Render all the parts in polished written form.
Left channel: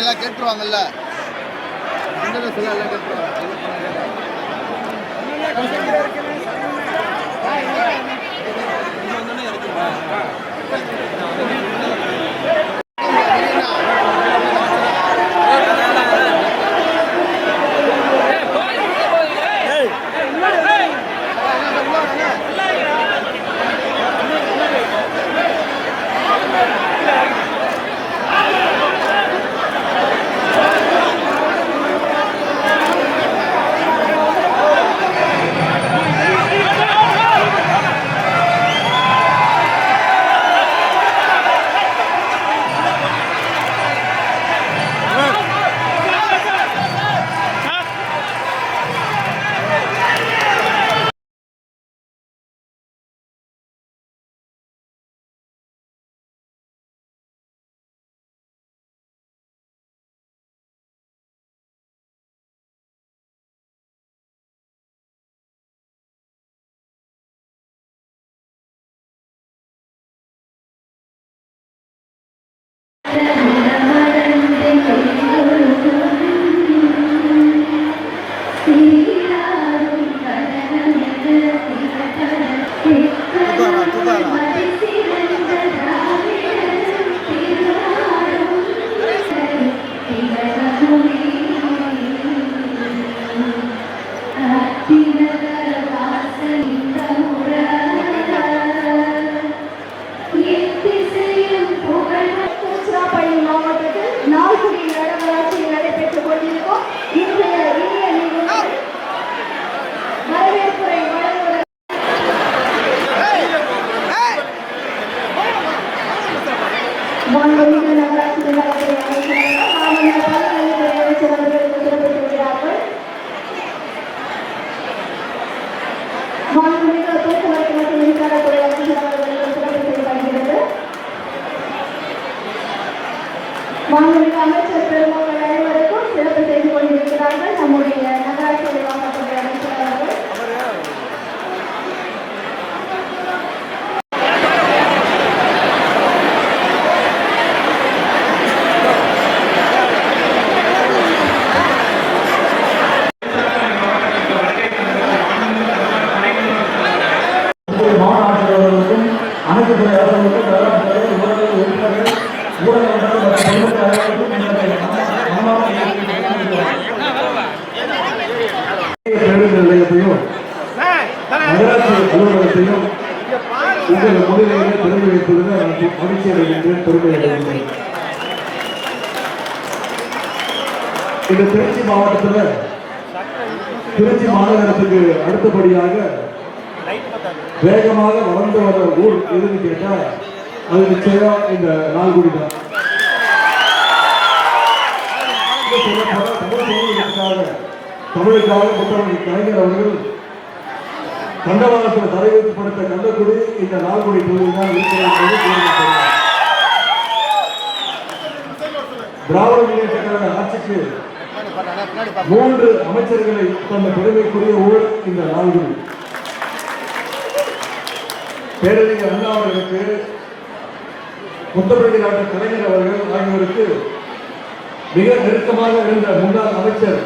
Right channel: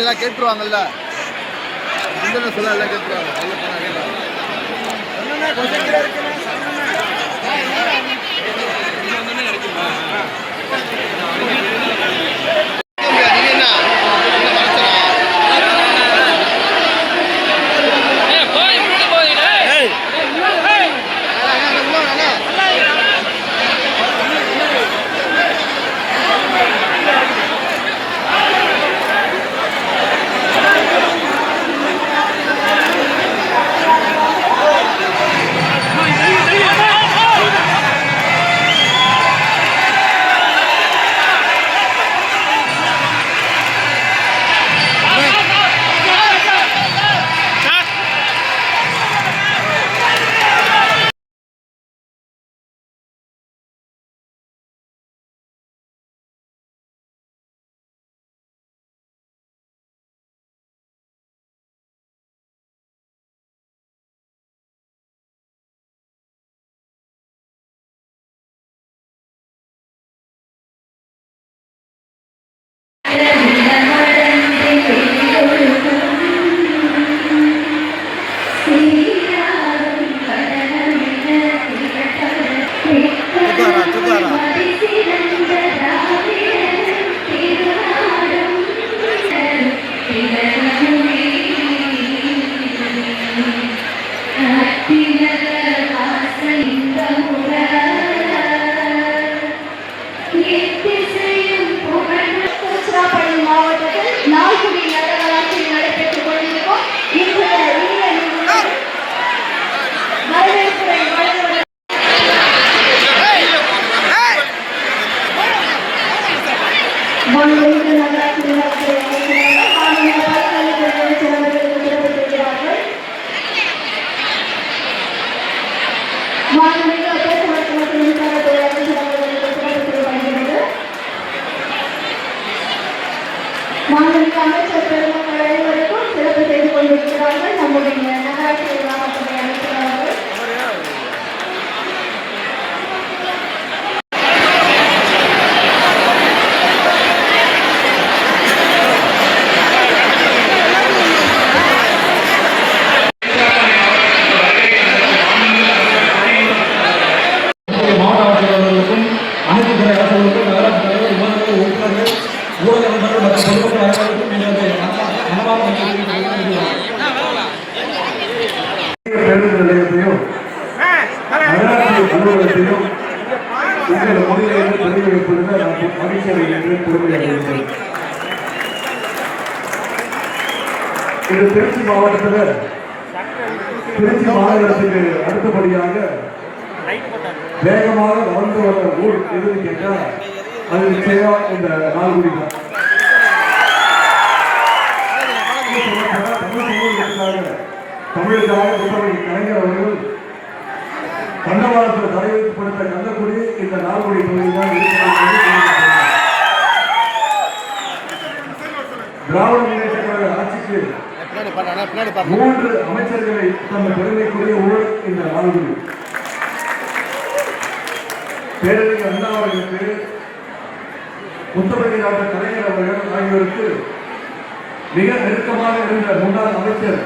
எல்லாம் கேட்டுருவாங்கல்ல, சொல்ல எல்லாம் கேட்டுருவாங்க. இது திருச்சி மாவட்டத்தில் திருச்சி மாநகரத்துக்கு அடுத்தபடியாக வேகமாக வளர்ந்து வர ஊர் எதுன்னு கேட்டால் அது நிச்சயமா இந்த நால்குடி தான். தமிழுக்காக புத்தகம் கலைஞர் அவர்கள் கண்டவாளத்தில் தலைமைப்படுத்த கள்ளக்குடி இந்த நால்குடி பகுதி தான் இருக்கிறது. திராவிட முன்னேற்ற கழக ஆட்சிக்கு 3 அமைச்சர்களை தந்த பெருமைக்குரிய ஊர் இந்த நால்குடி. பேரறிஞர் அண்ணா அவர்களுக்கு, முத்தமிழ் டாக்டர் கலைஞர் அவர்கள் ஆகியோருக்கு மிக நெருக்கமாக இருந்த முன்னாள் அமைச்சர்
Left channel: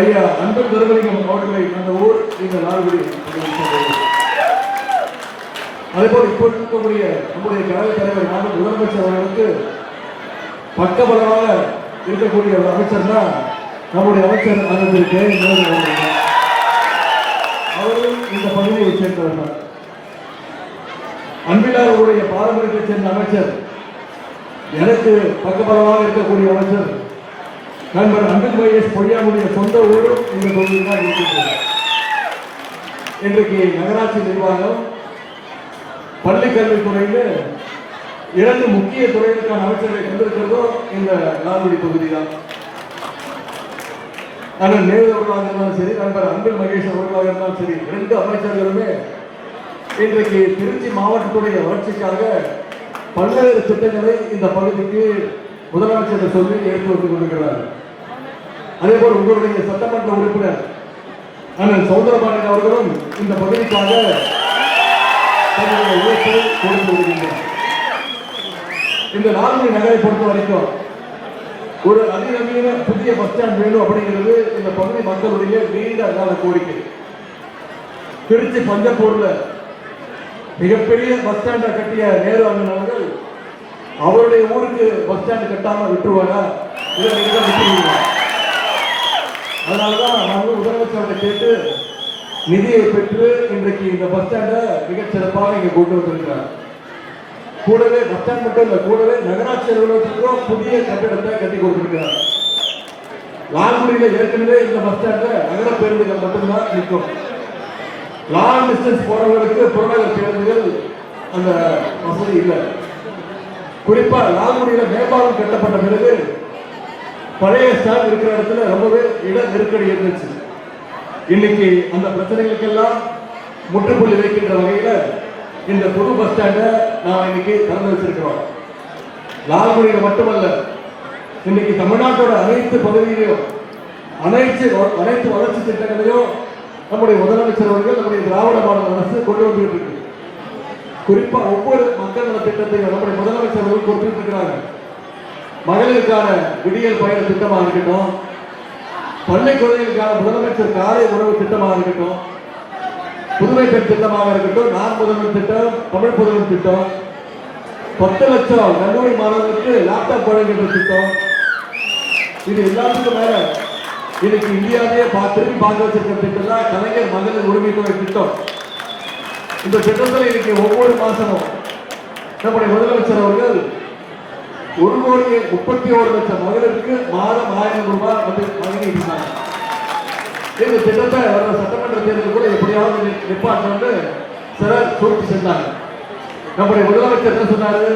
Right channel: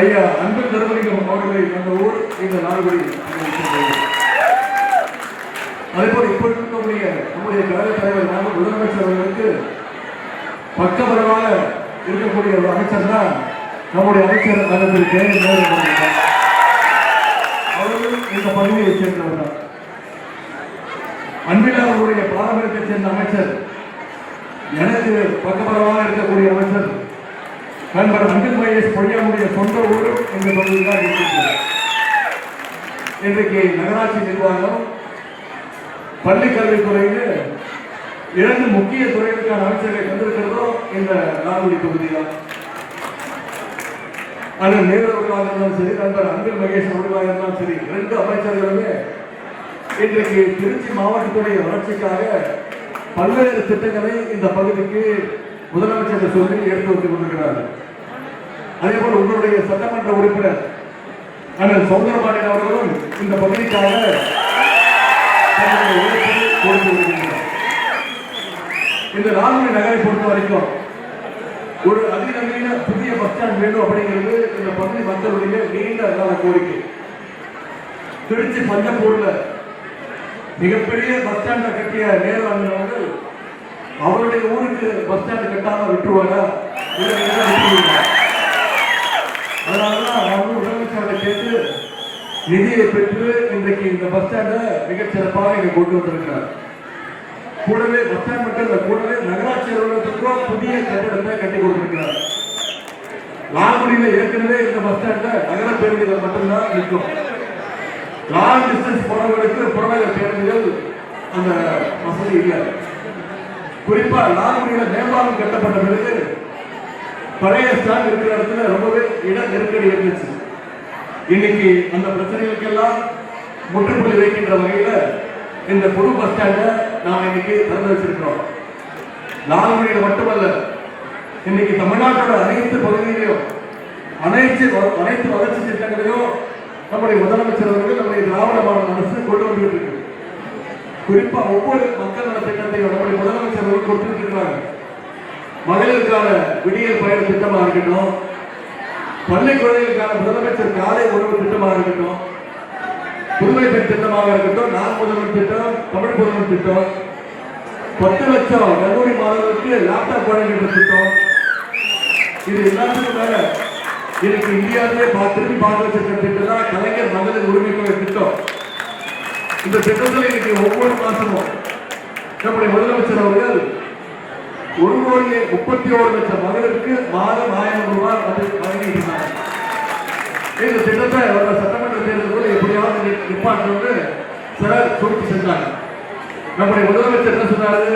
ஐயா அன்பு தர்மலிங்கம் அவர்களை தந்த ஊர் இந்த நால்குடி. அதேபோல் இப்போது இருக்கக்கூடிய நம்முடைய கழக தலைவர் முதலமைச்சர் அவர்களுக்கு பக்கபலமாக இருக்கக்கூடிய ஒரு அமைச்சர் தான் நம்முடைய அமைச்சர் அவர்களும் இந்த பகுதியை சேர்ந்தவர் தான். அன்பிலாருடைய பாரம்பரியத்தை சேர்ந்த அமைச்சர், எனக்கு பக்கபலமாக இருக்கக்கூடிய அமைச்சர் நண்பர் அன்பில் மகேஷ் பொய்யாவுடைய சொந்த ஊரும் இந்த பகுதியில் தான் இருக்கின்றது. இன்றைக்கு நகராட்சி நிர்வாகம் பள்ளிக்கல்வித்துறையில் 2 முக்கிய துறைகளுக்கான அமைச்சர்களை கொண்டிருக்கிறதோ இந்த நால்குடி பகுதி தான். ஆனால் நேரு அவர்களாக இருந்தாலும் சரி, நண்பர் அன்பில் மகேஷ் அவர்களாக இருந்தாலும் சரி, 2 அமைச்சர்களுமே இன்றைக்கு திருச்சி மாவட்டத்துடைய வளர்ச்சிக்காக பல்வேறு திட்டங்களை இந்த பகுதிக்கு முதலமைச்சர் சொல்லி எடுத்து வந்து கொண்டிருக்கிறார். அதேபோல் உங்களுடைய சட்டமன்ற உறுப்பினர் அண்ணன் சௌந்தரபாண்டியன் அவர்களும் இந்த பகுதிக்காக உழைப்பு கொடுத்து வருகின்றனர். இந்த நால்குடி நகரை பொறுத்த வரைக்கும் ஒரு அதிநவீன புதிய பஸ் ஸ்டாண்ட் வேணும் அப்படிங்கிறது இந்த பகுதி மக்களுடைய நீண்ட கால கோரிக்கை. திருச்சி பஞ்சப்பூர்ல மிகப்பெரிய பஸ் ஸ்டாண்டை கட்டிய நேரு அவர்கள் அவருடைய ஊருக்கு பஸ் ஸ்டாண்ட் கட்டாம விட்டுருவாரா? அதனாலதான் அவங்க முதலமைச்சரை கேட்டு நிதியை பெற்று இன்றைக்கு இந்த பஸ் ஸ்டாண்டை மிகச் சிறப்பாக இங்க கொண்டு வந்திருக்கிறார். கூடவே பஸ் ஸ்டாண்ட் மட்டும் இல்ல, கூடவே நகராட்சி அலுவலகத்துக்கு புதிய கட்டிடத்தை கட்டி கொடுத்திருக்கிறார். லாங்குடியில ஏற்கனவே இந்த பஸ் ஸ்டாண்ட்ல நகர பேருந்துகள் மட்டும்தான் நிற்கும். லாங் டிஸ்டன்ஸ் போறவர்களுக்கு புறநகர் பேருந்துகள் அந்த வசதி இல்லை. குறிப்பா லாங்குடியில மேம்பாலம் கட்டப்பட்ட பிறகு பழைய ஸ்டாண்ட் இருக்கிற இடத்துல ரொம்பவே இட நெருக்கடி இருந்துச்சு. இன்னைக்கு அந்த பிரச்சனைகளுக்கெல்லாம் முற்றுப்புள்ளி வைக்கின்ற வகையில இந்த புது பஸ் ஸ்டாண்டை நாம் இன்னைக்கு திறந்து வச்சிருக்கிறோம். லாங்குடியில மட்டுமல்ல, இன்னைக்கு தமிழ்நாட்டோட அனைத்து பகுதிகளிலும் அனைத்து வளர்ச்சி திட்டங்களையும் நம்முடைய முதலமைச்சர் அவர்கள் நம்முடைய திராவிட மாடல் அரசு கொண்டு வந்துட்டு இருக்கு. குறிப்பா ஒவ்வொரு மக்கள் நல திட்டத்தையும் நம்முடைய முதலமைச்சர் அவர்கள் கொடுத்துட்டு இருக்கிறாங்க. மகளிருக்கான விடியல் பயண திட்டமாக இருக்கட்டும், பள்ளி குழந்தைகளுக்கான முதலமைச்சர் காலை உணவு திட்டமாக இருக்கட்டும், புதுமை பெண் திட்டமாக இருக்கட்டும், நான் முதல்வர் திட்டம், தமிழ் புதுமை திட்டம், 10 லட்சம் கல்லூரி மாணவர்களுக்கு லேப்டாப் வழங்குகின்ற திட்டம், இது எல்லாத்துக்கும் மேல இன்னைக்கு இந்தியாவிலே திருப்பி பார்க்க வச்சிருக்கிற திட்டம் தான் கலைஞர் மகளிர் உரிமை தொகை திட்டம். இந்த திட்டத்தில் இன்னைக்கு ஒவ்வொரு மாசமும் நம்முடைய முதலமைச்சர் அவர்கள் 1,31,00,000 மகளிருக்கு மாதம் 1000 ரூபாய் வழங்கியிருக்கிறார். இந்த திட்டத்தை சட்டமன்ற தேர்தல் கூட எப்படியாவது நிப்பாட்டணும்னு சிலர் சூழ்ச்சி செஞ்சாங்க. நம்முடைய முதலமைச்சர் என்ன சொன்னாரு?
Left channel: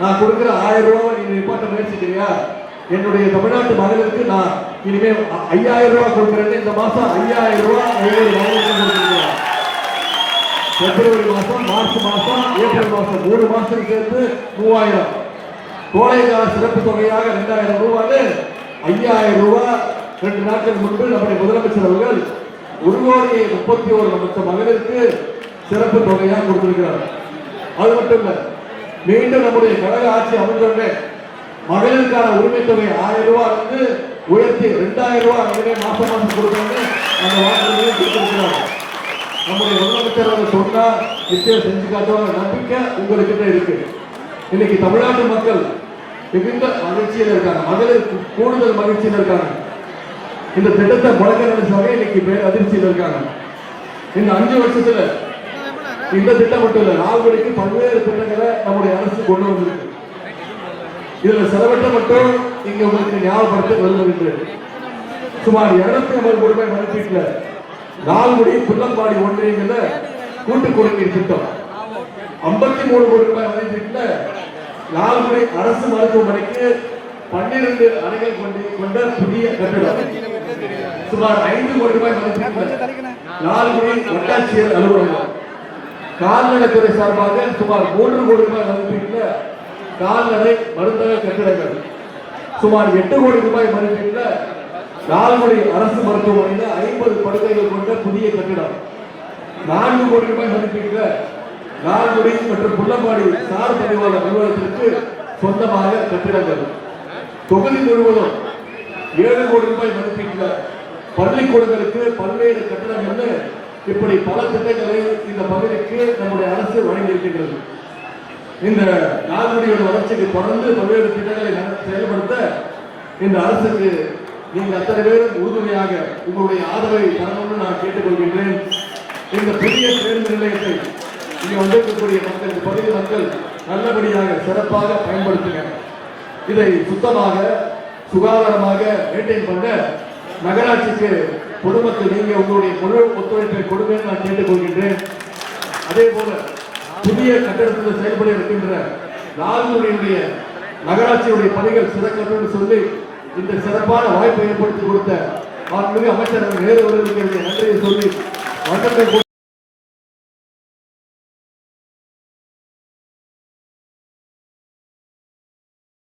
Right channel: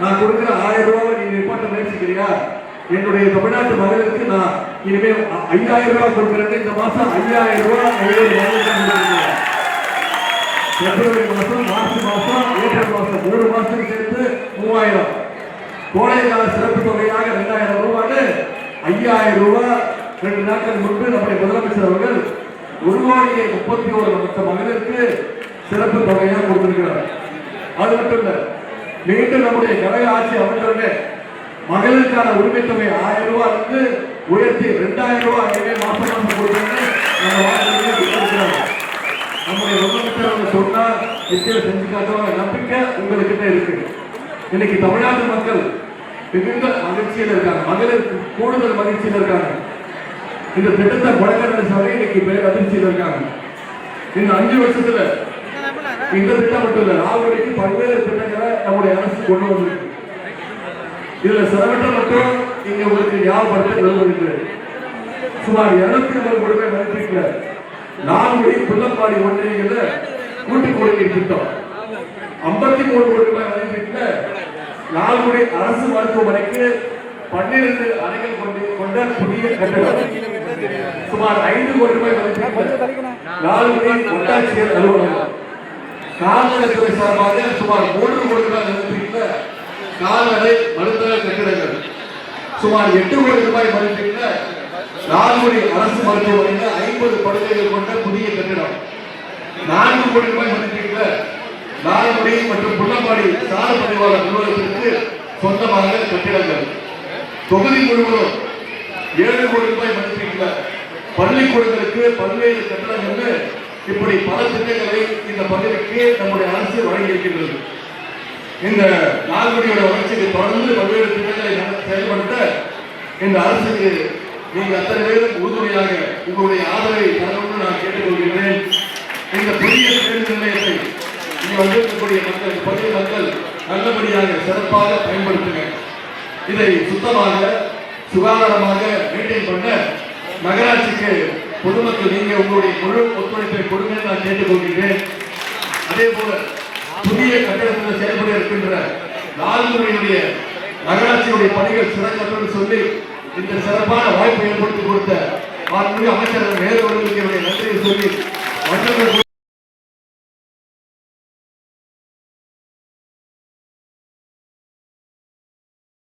நான் கொடுக்கிற 1000 ரூபாய் நீங்க நிப்பாட்ட முயற்சிக்கிறியா? என்னுடைய தமிழ்நாட்டு மகளிருக்கு நான் இனிமே 5000 ரூபாய் கொடுக்கிறேன். இந்த மாசம் 5000 ரூபாய் பிப்ரவரி மாசம், மார்ச் மாசம், ஏப்ரல் மாசம் 3 மாசம் சேர்த்து 3000, கோடைக்கால சிறப்பு தொகையாக 2000 ரூபாய், 5000 ரூபாய் 2 நாட்கள் முன்பு நம்முடைய முதலமைச்சர் அவர்கள் 1,31,00,000 மகளிருக்கு சிறப்பு தொகையாக கொடுத்திருக்கிறார். அது மட்டும் இல்ல, மீண்டும் நம்முடைய கழக ஆட்சி அமைச்சருடைய மகளிருக்கான உரிமை தொகை 1000 ரூபாய் வந்து உயர்த்தி 2000 ரூபாய் மாசம் மாசம் கொடுக்கணும்னு நம்முடைய முதலமைச்சர் சொன்னா நிச்சயம் செஞ்சு காட்டுவாங்க. நம்பிக்கை உங்களுக்கு இருக்கு. இன்னைக்கு தமிழ்நாட்டு மக்கள் மிகுந்த மகிழ்ச்சியில் இருக்காங்க, மகளிர் கூடுதல் மகிழ்ச்சியில் இருக்காங்க. இந்த திட்டத்தை முழக்க இன்னைக்கு அதிர்ச்சியில் இருக்காங்க. இந்த 5 வருஷத்துல இந்த திட்டம் மட்டும் இல்ல, லால்குடிக்கு பல்வேறு திட்டங்களை நம்முடைய அரசு கொண்டு வந்திருக்கு. இதுல சிலவற்றை மட்டும் இங்க உங்களுக்கு ஞாபகப்படுத்த விரும்புகிறேன். சுமார் 250 ரூபாய் மதிப்பீட்டுல லால்குடி புள்ளப்பாடி ஒன்றியங்கள கூட்டு குடிநீர் திட்டம், 53 கோடி ரூபாய் மதிப்பீட்டுல லால்குடி அரசு மருத்துவமனைக்கு 12 அறைகள் கொண்ட புதிய கட்டடம், சுமார் 5 கோடி ரூபாய் மதிப்பீட்டுல லால்குடி ஒட்டாட்சியர் அலுவலகம், கால்நடைத்துறை சார்பாக சுமார் 3 கோடி ரூபாய் மதிப்பீட்டுல கால்நடை மருத்துவ கட்டிடங்கள், சுமார் 8 கோடி ரூபாய் மதிப்பீட்டுல லால்குடி அரசு மருத்துவமனையில் 50 படுக்கைகள் கொண்ட புதிய கட்டிடம், 4 கோடி ரூபாய் மதிப்பீட்டுல லால்குடி மற்றும் புள்ளப்பாடி சார் பதிவாளர் நிறுவனத்திற்கு சொந்தமாக கட்டிடங்கள், தொகுதி முழுவதும் 7 கோடி ரூபாய் மதிப்பீட்டுல பள்ளிக்கூடங்களுக்கு பல்வேறு கட்டிடங்கள், இப்படி பல திட்டங்களை இந்த பகுதிக்கு நம்முடைய அரசு வழங்கியிருக்கின்றது. இந்த லால்குடியோட வளர்ச்சிக்கு தொடர்ந்து பல்வேறு திட்டங்களை செயல்படுத்த இந்த அரசுக்கு நீங்க அத்தனை பேரும் உறுதுணையாக உங்களுடைய ஆதரவை தரணும்னு நான் கேட்டுக்கொள்கின்றேன். இந்த புதிய பேருந்து நிலையத்தை இங்கு வந்திருக்கக்கூடிய மக்கள், பகுதி மக்கள் நல்லபடியாக சிறப்பாக பயன்படுத்துங்க. இதை சுத்தமாக சுகாதாரமாக மெயின்டைன் பண்ண நகராட்சிக்கு பொதுமக்கள் நீங்க உங்களுடைய முழு ஒத்துழைப்பை கொடுங்க நான் கேட்டுக்கொள்கின்றேன். அதே போல புதிய கட்டடத்தில் செயல்பட இருக்கின்ற லால்குடியுடைய நகராட்சியுடைய பணிகள் சிறக்கணும்னு சொல்லி இந்த சிறப்பான வாய்ப்பை ஏற்படுத்தி கொடுத்த மாண்புமிகு அமைச்சர் நேரு அவர்களுக்கு நன்றியை சொல்லி